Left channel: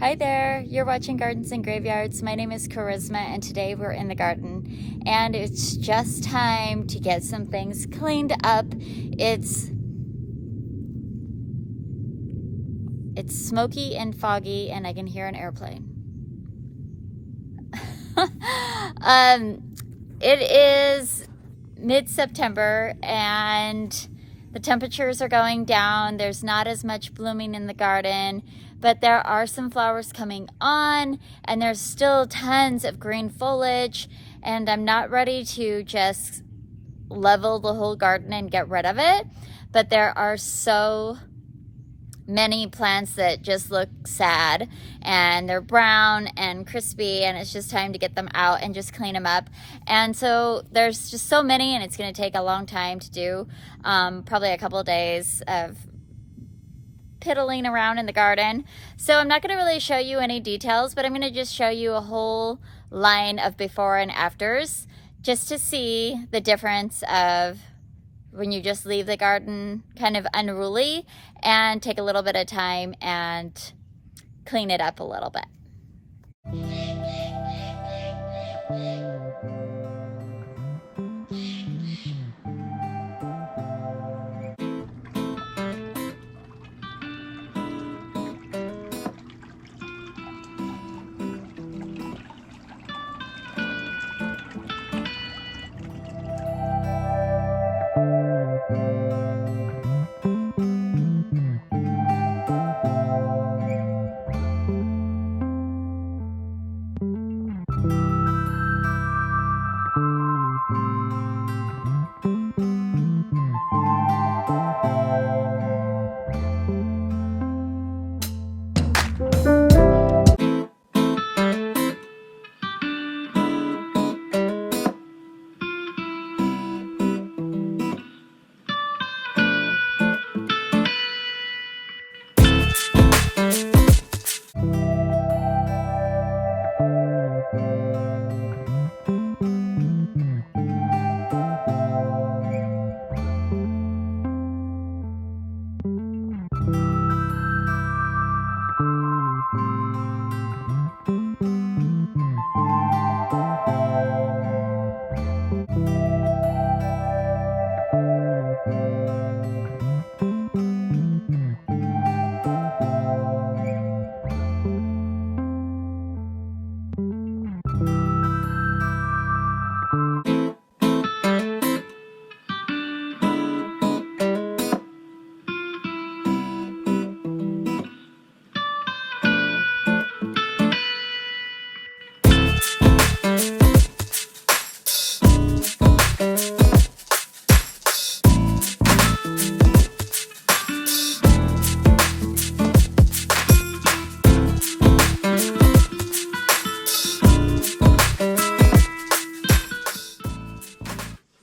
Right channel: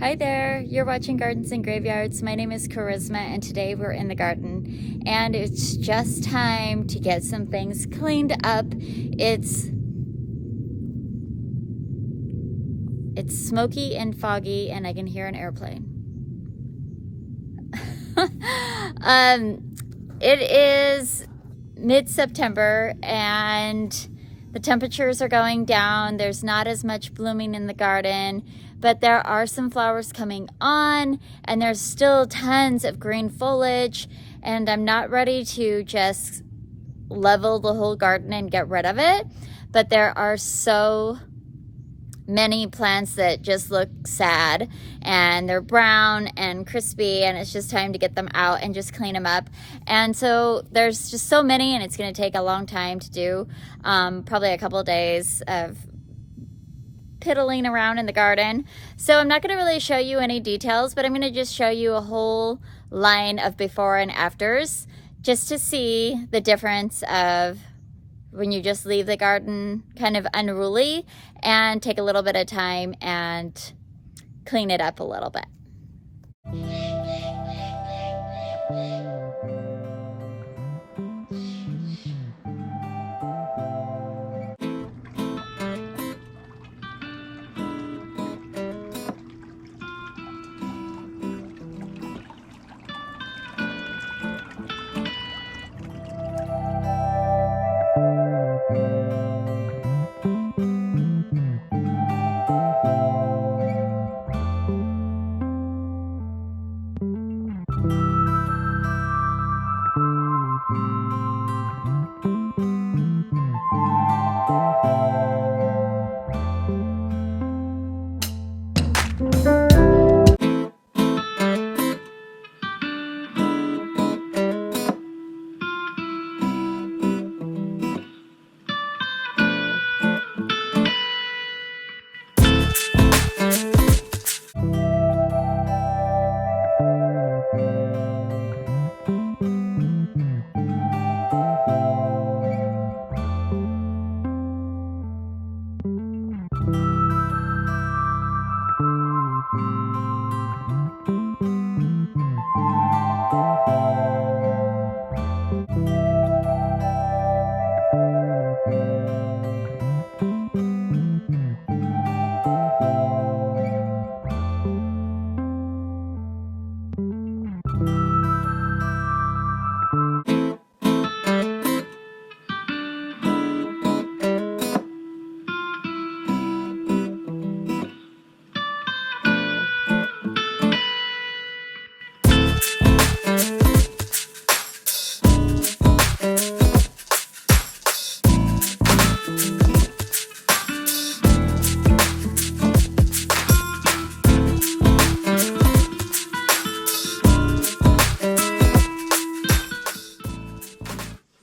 Hi there, you're watching Gardens and Graveyards. My name is Charisma and today we're in the garden and it's just time to get some things cleaned up. It's smoky and foggy and I can hear an airplane. It is mid-September and the temperatures are going down. There's not as much blooming in the garden, but there are some flowers coming on and there's still tons of green foliage, and I'm not ready to just level the whole garden and get rid of it, but there are so many plants that just look sad and they're brown and crispy, and it's just time to get them out and just clean them up. And so there's just so many and it's going to take a long time to do, probably a couple of days of piddling around in the garden. So I'm not going to really show you any details, but I'm going to just show you a whole line of before and afters just to see the difference of when you just leave the garden kind of unruly and take a little bit of time and clean it up a little bit.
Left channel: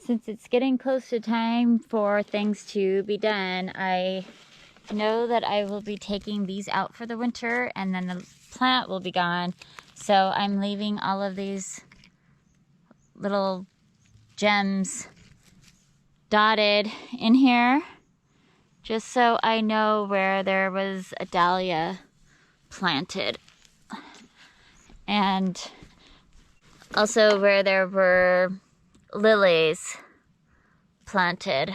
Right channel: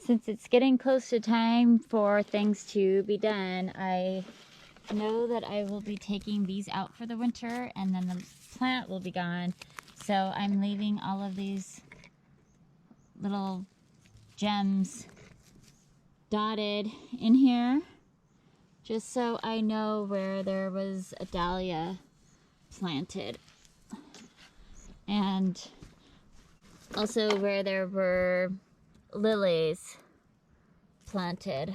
Since it's getting close to time for things to be done, I know that I will be taking these out for the winter and then the plant will be gone. So I'm leaving all of these little gems dotted in here just so I know where there was a dahlia planted, and also where there were lilies planted.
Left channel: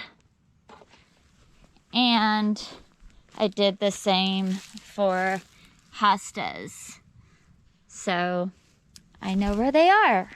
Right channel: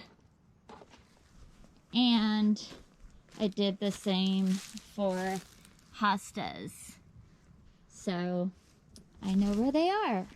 And I did the same for hostas, so I know where they are.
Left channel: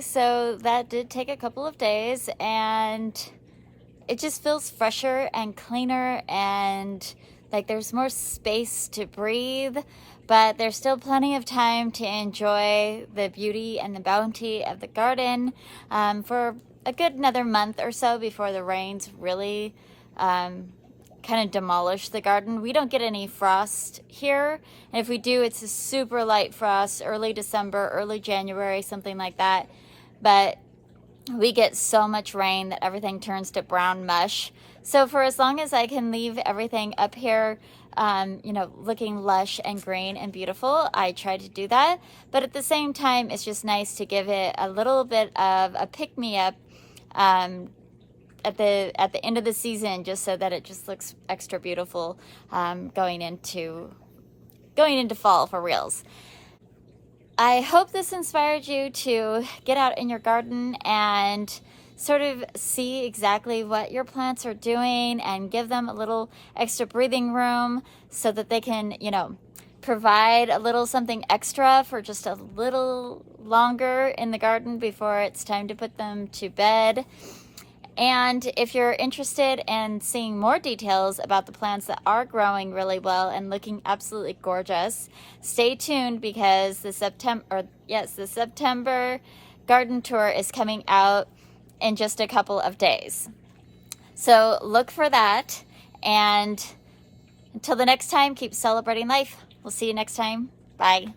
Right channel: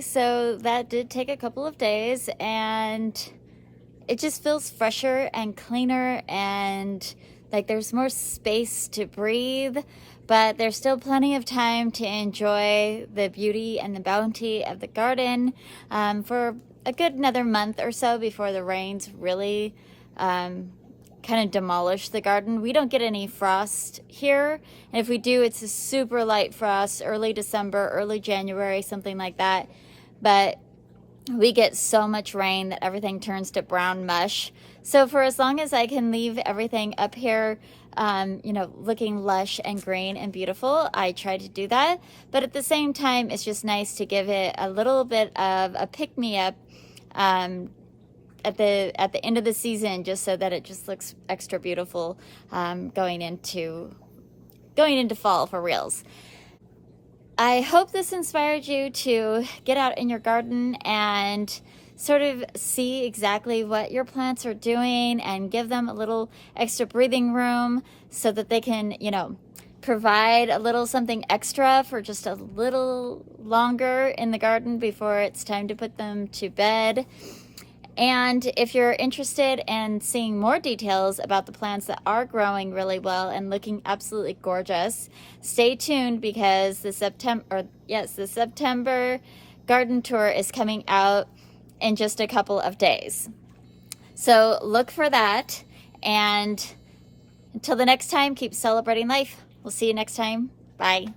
Saturday, so that did take a couple of days, and it just feels fresher and cleaner, and like there's more space to breathe, but there's still plenty of time to enjoy the beauty and the bounty of the garden for a good another month or so before the rains really kind of demolish the garden. We don't get any frost here, and if we do, it's a super light frost, early December, early January, something like that. But we get so much rain that everything turns to brown mush. So for as long as I can leave everything up here, you know, looking lush and green and beautiful, I try to do that. But at the same time, it's just nice to give it a little bit of a pick-me-up at the end of the season, just so that it just looks extra beautiful going into fall for reals. I hope this inspired you to get out in your garden and sort of see exactly what your plants are doing and give them a little extra breathing room so that they can, you know, provide a little something extra for just a little longer in the garden before it's time to put them to bed. And if you're interested in seeing more details about the plants that are growing really well and looking absolutely gorgeous, stay tuned, because the September garden tour is coming out in just a couple of days. So look for that, and until the next time, keep celebrating life. We'll see you next time. Bye.